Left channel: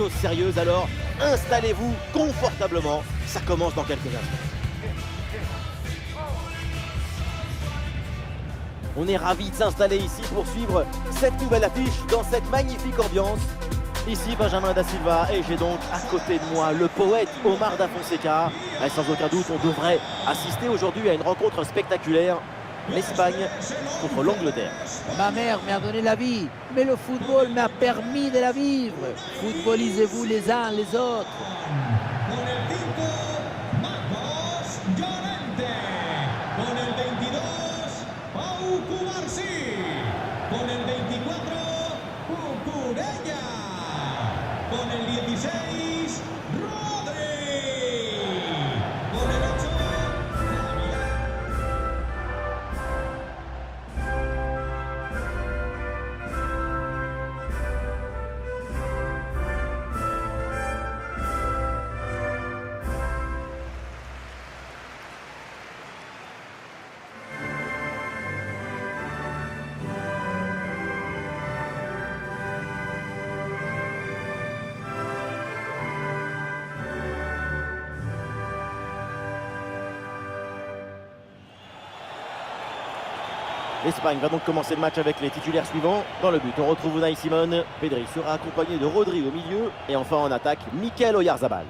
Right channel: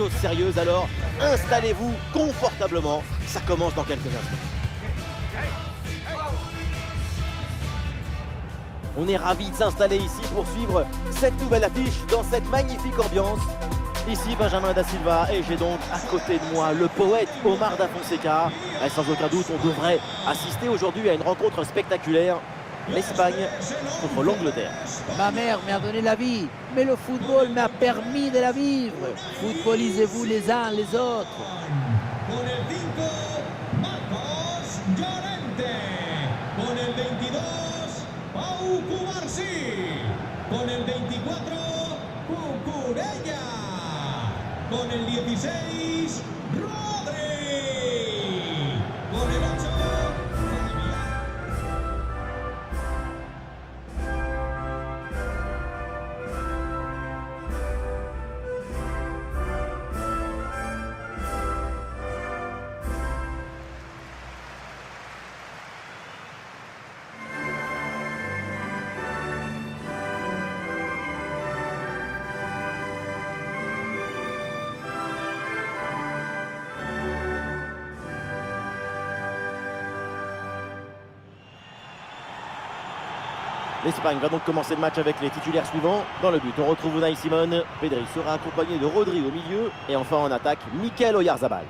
Chose sérieuse, alors installez-vous confortablement, ça commence dans quelques instants. On est ravis de s'installer ici pour suivre cette nouvelle affiche dans cette magnifique ambiance. Ici Benjamin Da Silva et j'ai donc à côté de moi le poète Omar Da Fonseca. Et sans aucun doute, on devrait assister aujourd'hui à une rencontre spectaculaire. L'Espagne contre l'Angleterre. Ma mère m'a donné la vie, mais le football m'a permis de la vivre. Footballisez-vous les uns les autres. Con el 5, Marcos Llorente. Con el 22, Pau Cubarsí. Con el 24, Cucurella. Con el 16, Rodri. Con el 8, L'Espagne va donc commencer le match avec les titulaires suivants. Dans le but, on retrouve Unai Simon. Pedri sera accompagné de Rodri au milieu. Et enfin en attaque, Mikel Oyarzabal.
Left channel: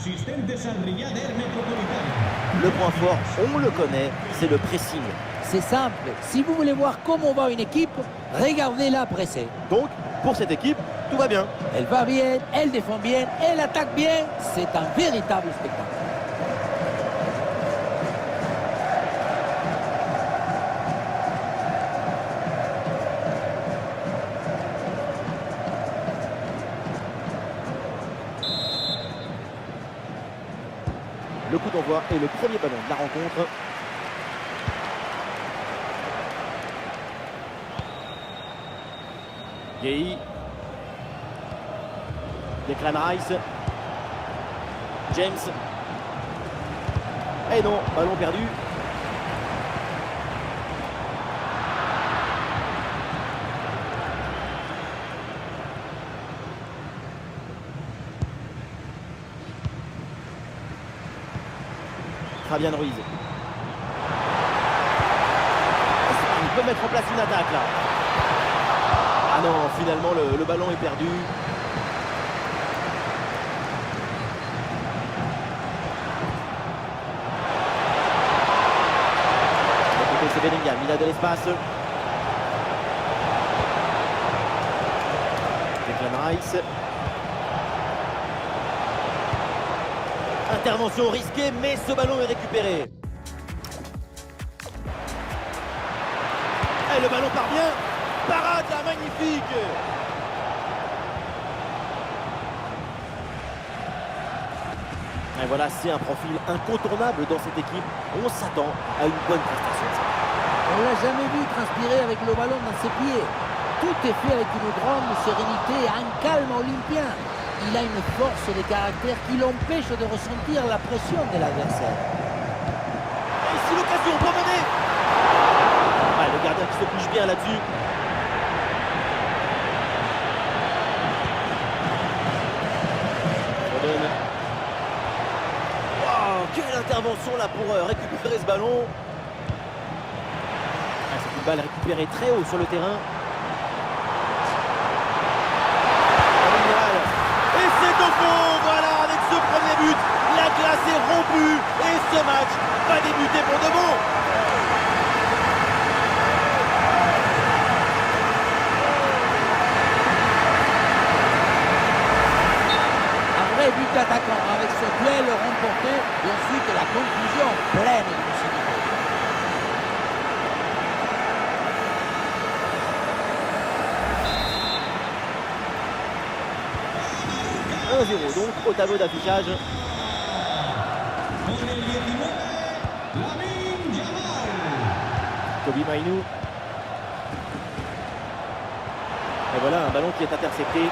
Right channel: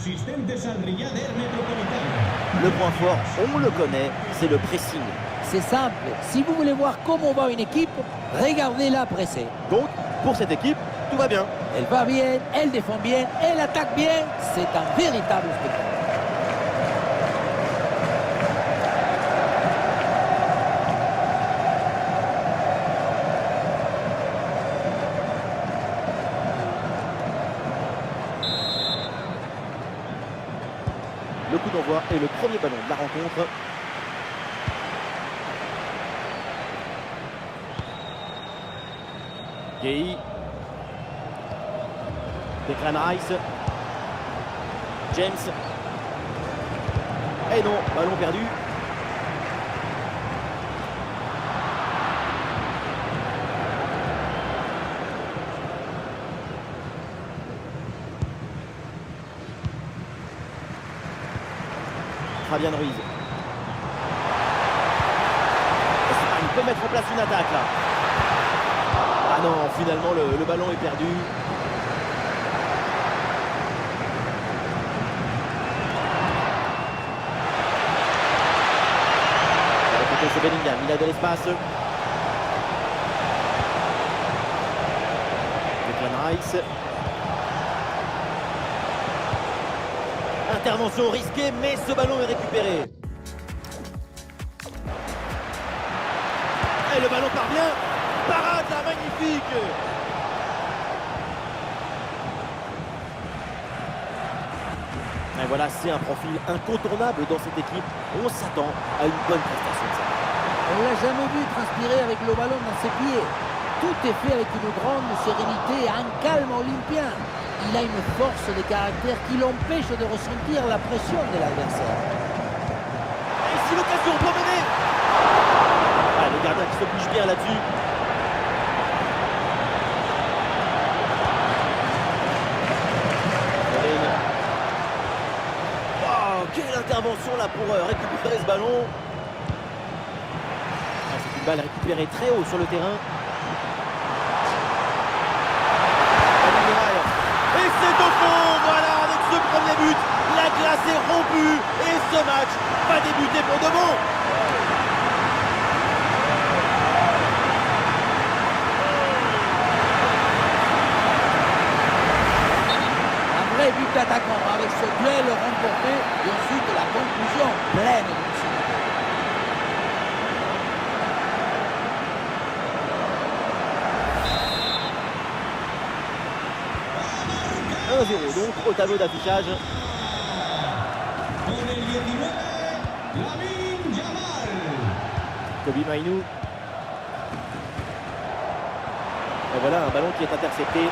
asistentes al Riader Metropolitano. Le point fort, on le connaît, c'est le pressing. C'est simple, si vous voulez voir comment va une équipe, regardez-la presser. Donc, pour cette équipe, tout va bien. Elle va bien, elle défend bien, elle attaque bien, c'est un véritable spectacle. Le coup d'envoi est le premier ballon de la rencontre. Gueye. Declan Rice. James. Et non, ballon perdu. Fabian Ruiz. L'Espagne peut mettre en place une attaque là. Ah non, finalement le ballon est perdu. De l'autre côté c'est Bellingham, il a de l'espace. Declan Rice. Intervention risquée, mais ce ballon est récupéré. Et le ballon parvient. Parade là, magnifique. Et voilà, c'est un profil incontournable dans cette équipe. On s'attend à une bonne prestation de ça. On l'a jamais vu transpirer avec le ballon dans ses pieds. Tout est fait avec une grande sérénité et un calme olympien. Il a une force de caractère qui l'empêche de ressentir la pression de l'adversaire. Et ici l'occasion pour mener. Ah, le gardien qui se bouge bien là-dessus. Foden. Wow, quelle intervention là pour récupérer ce ballon. Ah, c'est une balle récupérée très haut sur le terrain. Et c'est au fond, voilà, avec ce premier but, la glace est rompue et ce match va débuter pour de bon. Un vrai but d'attaquant avec ce duel remporté et ensuite la conclusion pleine de lucidité. 1-0 donc au tableau d'affichage. Con el 19, Lamine Yamal. Kobe Mainoo. Et voilà un ballon qui est intercepté.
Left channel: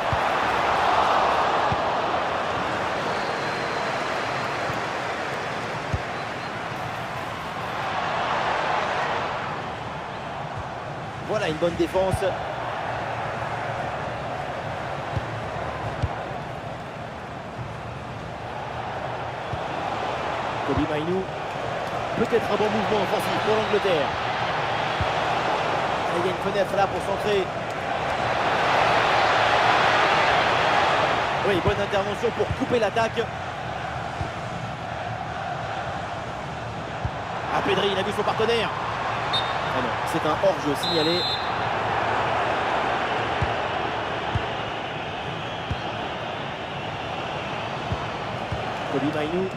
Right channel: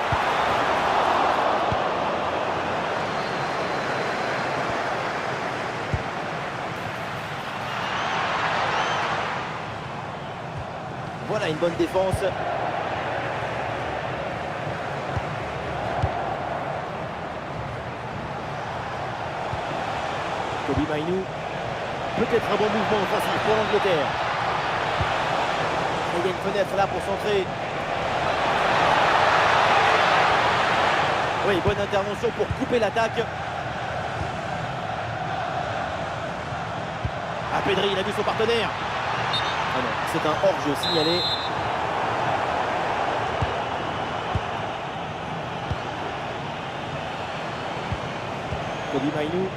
Voilà une bonne défense. Kobe Mainoo. Peut-être un bon mouvement offensif pour l'Angleterre. Il y a une fenêtre là pour centrer. Oui, bonne intervention pour couper l'attaque. Ah, Pedri, il a vu son partenaire. Ah non, c'est un hors-jeu signalé. Kobe Mainoo.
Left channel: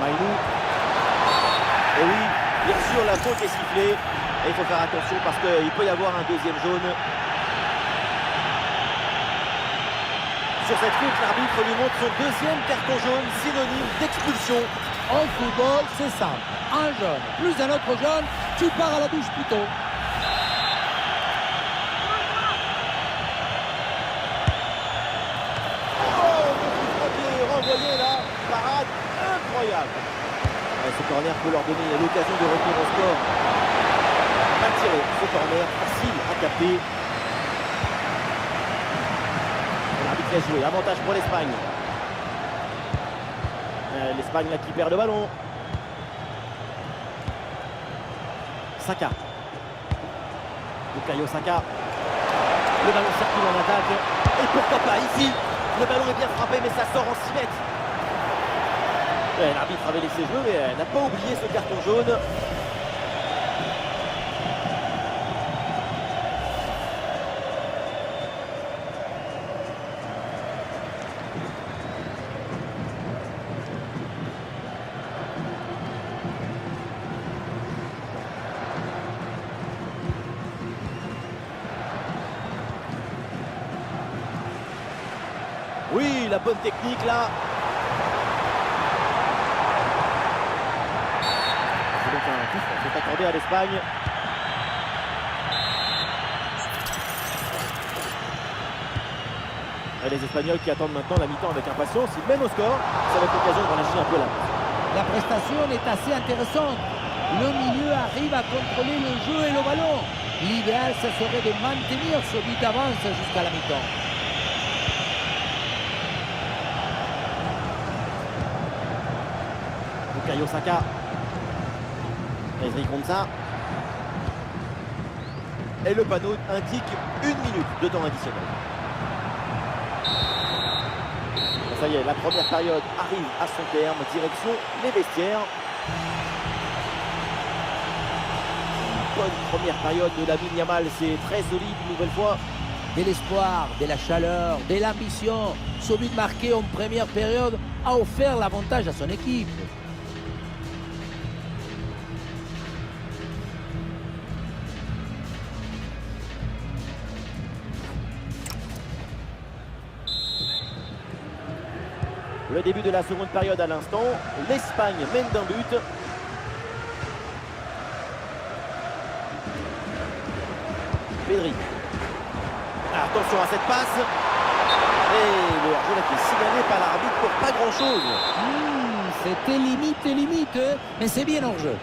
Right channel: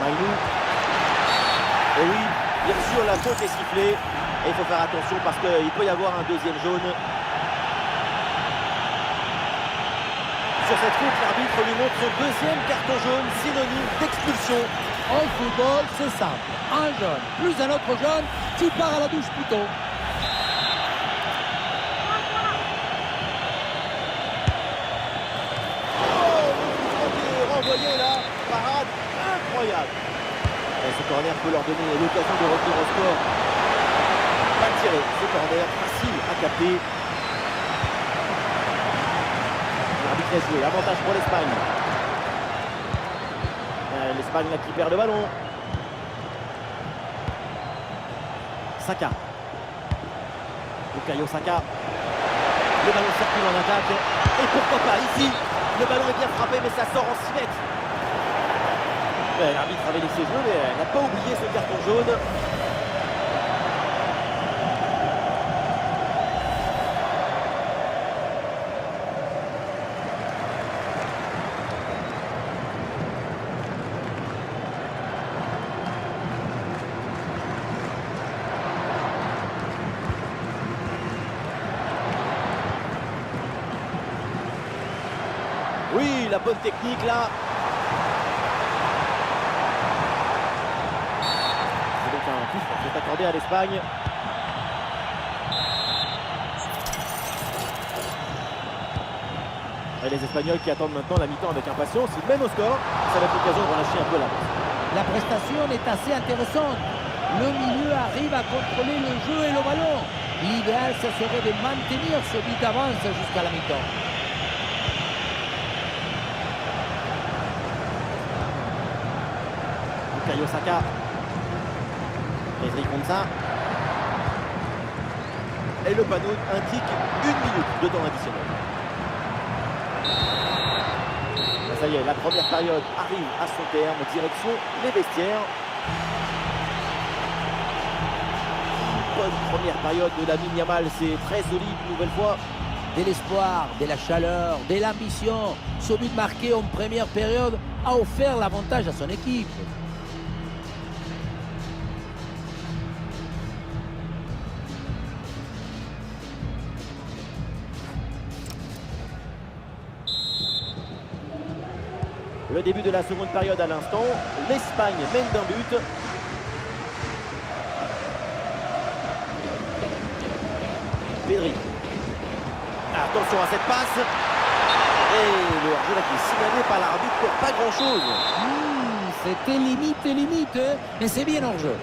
Mainoo. Et oui, bien sûr, la faute est sifflée. Et il faut faire attention parce qu'il peut y avoir un deuxième jaune. Sur cette faute, l'arbitre lui montre son deuxième carton jaune, synonyme d'expulsion. En football, c'est simple. Un jaune, plus un autre jaune, tu pars à la douche plus tôt. Oh, le coup franc qui est renvoyé là. Parade incroyable. Et ce corner peut leur donner l'occasion de revenir au score. Pas tiré, ce corner facile à capter. L'arbitre laisse jouer, avantage pour l'Espagne. L'Espagne là qui perd le ballon. Saka. Bukayo Saka. Le ballon circule en attaque. Et pourquoi pas ici. Le ballon est bien frappé mais ça sort en 6 mètres. Ouais, l'arbitre avait laissé jouer mais elle n'a pas oublié ce carton jaune. Oui, la bonne technique là. C'est donc un coup franc qui est accordé à l'Espagne. Et les Espagnols qui attendent maintenant la mi-temps avec impatience. Ils mènent au score. Ça va être l'occasion de relâcher un peu la main. La prestation est assez intéressante. Le milieu arrive à contrôler le jeu et le ballon. L'idéal, ce serait de maintenir ce but d'avance jusqu'à la mi-temps. Bukayo Saka. Ezri Konsa. Et le panneau indique 1 minute de temps additionnel. Ça y est, la première période arrive à son terme. Direction les vestiaires. Une bonne première période de Lamine Yamal. C'est très solide une nouvelle fois. De l'espoir, de la chaleur, de l'ambition. Ce but marqué en première période a offert l'avantage à son équipe. Le début de la seconde période à l'instant. L'Espagne mène d'un but. Pedri. Attention à cette passe. Et le hors-jeu là qui est signalé par l'arbitre pour pas grand-chose. C'était limite, mais c'est bien hors-jeu.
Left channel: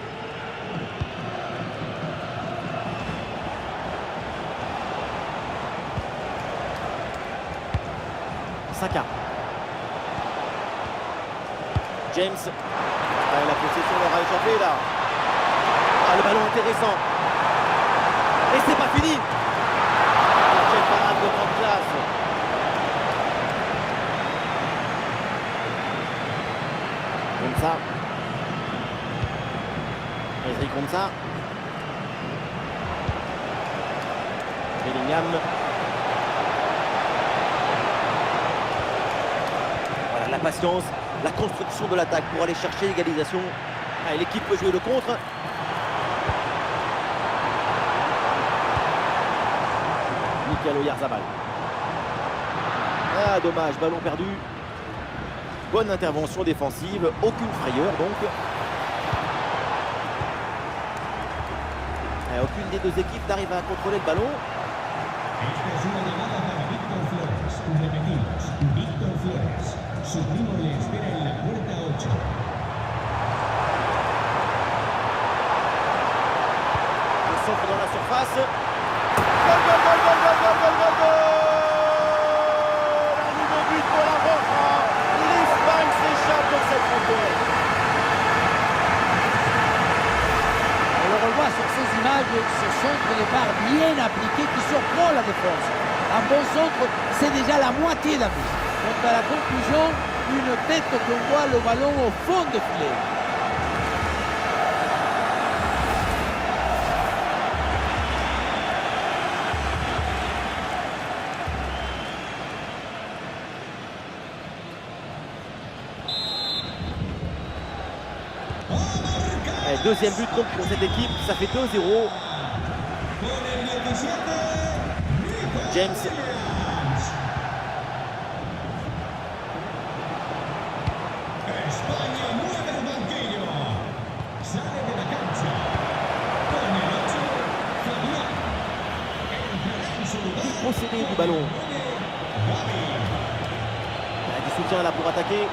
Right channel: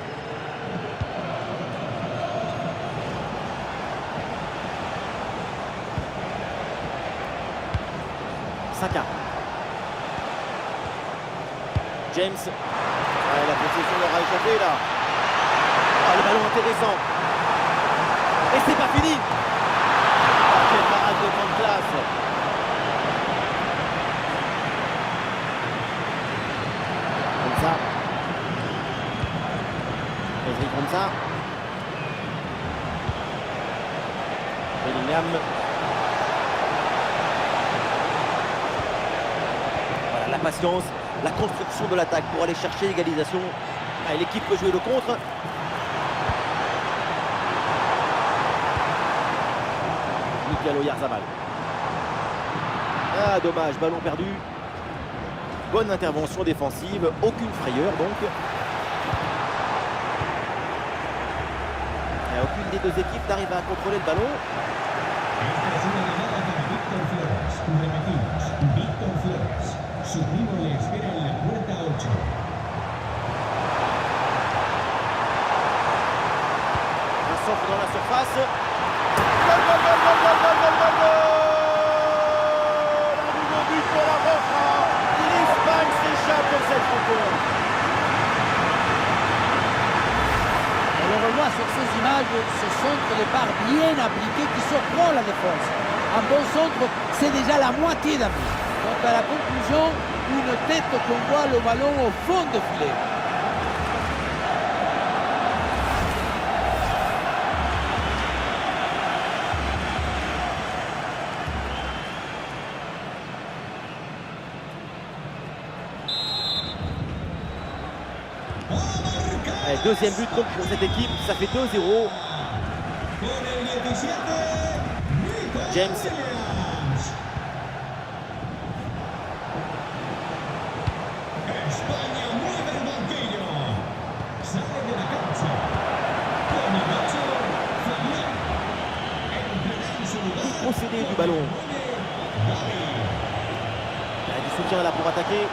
Saka. James. Ouais, la possession leur a échappé là. Ah, le ballon intéressant. Et c'est pas fini. Oh, quelle parade de grande classe. Konsa. Ezri Konsa. Bellingham. Voilà la patience, la construction de l'attaque pour aller chercher l'égalisation. Ah, l'équipe peut jouer le contre. Mikel Oyarzabal. Ah, dommage, ballon perdu. Bonne intervention défensive, aucune frayeur donc. Et aucune des deux équipes n'arrive à contrôler le ballon. Esta es una llamada para Víctor Flores. Repetimos, Víctor Flores. Su primo le espera en la puerta 8. Un centre dans la surface. Gol, gol, gol, gol, gol, gol, gol, gol, gol. Un nouveau but pour la Roja. L'Espagne s'échappe dans cette rencontre. On le revoit sur ces images, ce centre de part bien appliqué qui surprend la défense. Un bon centre, c'est déjà la moitié d'un but. Quant à la conclusion, une tête qu'on voit le ballon au fond du filet. Et deuxième but donc pour cette équipe, ça fait 2-0. Con el 17, Nico James. Williams. España mueve el banquillo. Sale de la cancha. Con el 8, Fabián. Entrará en su lugar. Procédé du ballon. Gavi. Il y a du soutien là pour attaquer.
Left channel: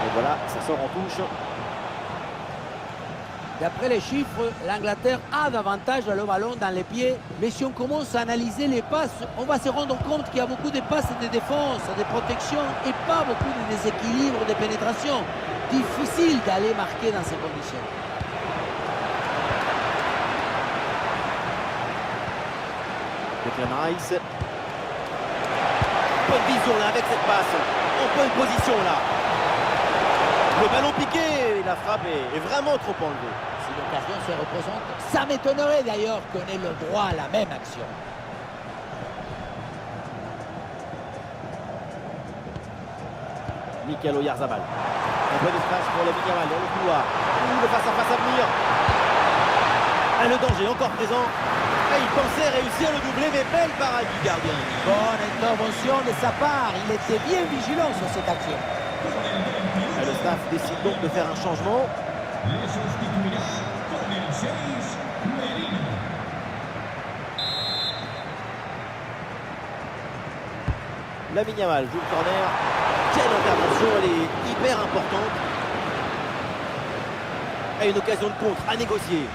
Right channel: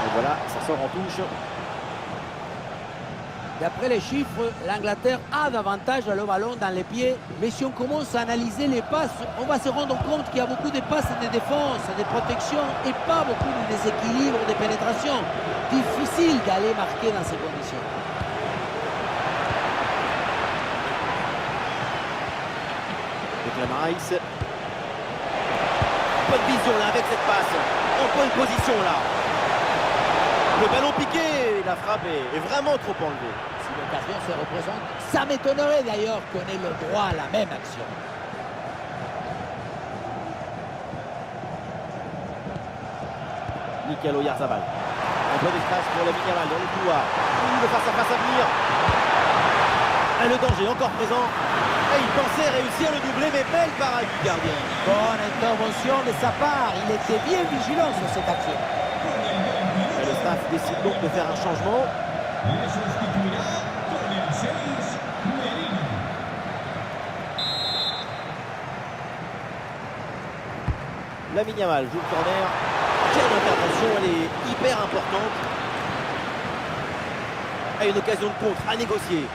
Et voilà, ça sort en touche. D'après les chiffres, l'Angleterre a davantage le ballon dans les pieds. Mais si on commence à analyser les passes, on va se rendre compte qu'il y a beaucoup de passes de défense, de protection et pas beaucoup de déséquilibre, de pénétration. Difficile d'aller marquer dans ces conditions. Declan Rice. Bonne vision là avec cette passe. En bonne position là. Le ballon piqué, la frappe est vraiment trop enlevée. Si l'occasion se représente, ça m'étonnerait d'ailleurs qu'on ait le droit à la même action. Mikel Oyarzabal. Un bon espace pour la Yamal dans le couloir. Le face-à-face à venir. Et le danger encore présent. Et il pensait réussir le doublé, mais belle parade du gardien. Bonne intervention de sa part, il était bien vigilant sur cette action. Et le staff décide donc de faire un changement. Le sustituirá con el 6, Merino. Lamine Yamal joue le corner. Quelle intervention, elle est hyper importante. Et une occasion de contre à négocier.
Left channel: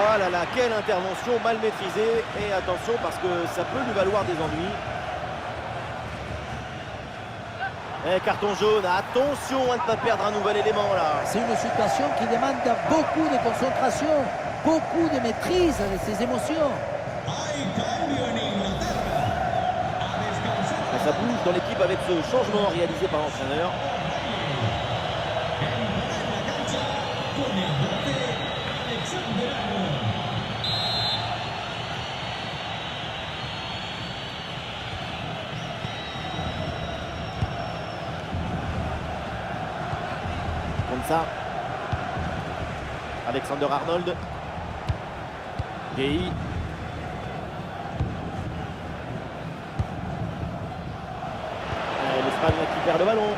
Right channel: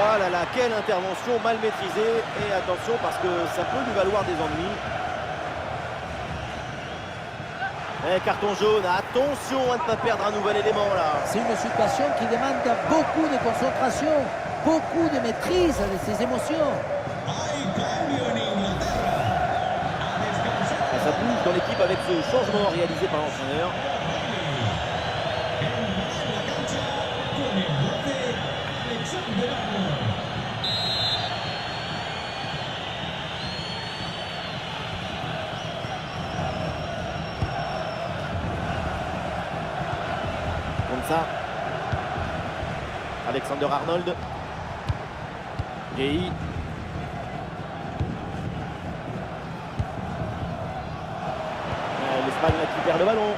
Oh là là, quelle intervention mal maîtrisée. Et attention parce que ça peut lui valoir des ennuis. Et carton jaune, attention à ne pas perdre un nouvel élément là. C'est une situation qui demande beaucoup de concentration, beaucoup de maîtrise de ses émotions. Hay cambio en Inglaterra. A descansar. Et ça bouge dans l'équipe avec ce changement réalisé par l'entraîneur. Entrará en la cancha con el 12, Alexander Arnold. Comme ça. Alexander Arnold. Gay. L'Espagne là qui perd le ballon.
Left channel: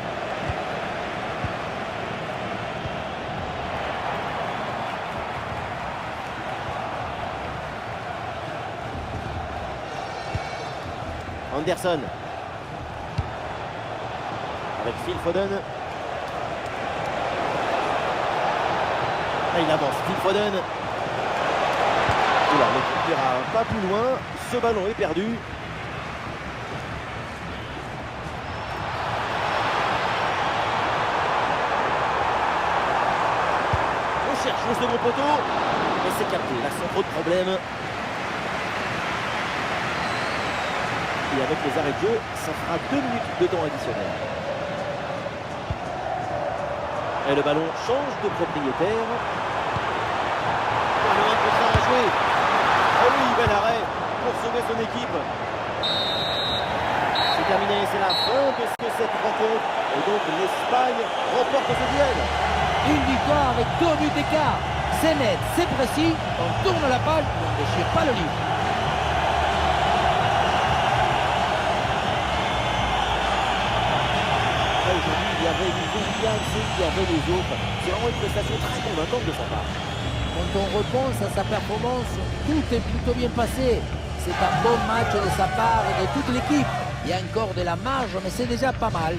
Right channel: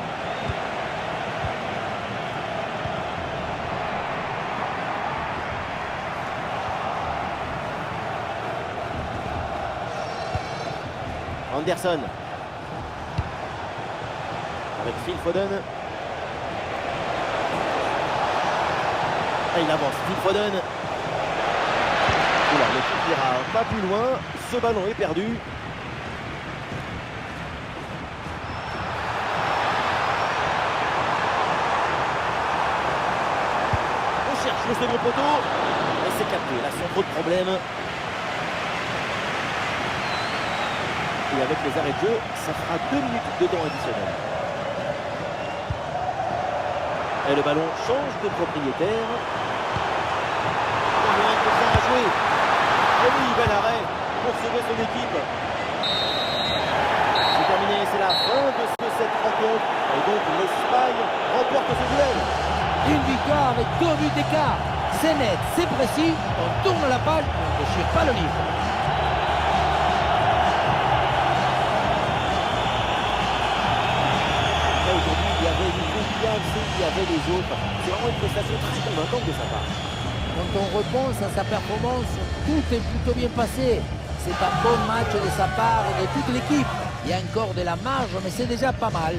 Anderson. Avec Phil Foden. Et il avance, Phil Foden. Oula, l'équipe n'ira pas plus loin. Ce ballon est perdu. On cherche le second poteau. Et c'est capté, là sans trop de problèmes. Et avec les arrêts de jeu, ça fera 2 minutes de temps additionnel. Et le ballon change de propriétaire. Oh, le 1 contre 1 à jouer. Et oui, bel arrêt pour sauver son équipe. C'est terminé, c'est la fin de cette rencontre. Et donc l'Espagne remporte ce duel. Une victoire avec 2 buts d'écart. C'est net, c'est précis, on tourne la page, mais on ne déchire pas le livre. Aujourd'hui, il y avait Nico Williams et il y avait les autres. C'est vraiment une prestation très convaincante de sa part. Quand on repense à sa performance, tout est plutôt bien passé. C'est un bon match de sa part et de toute l'équipe. Il y a encore de la marge, mais c'est déjà pas mal.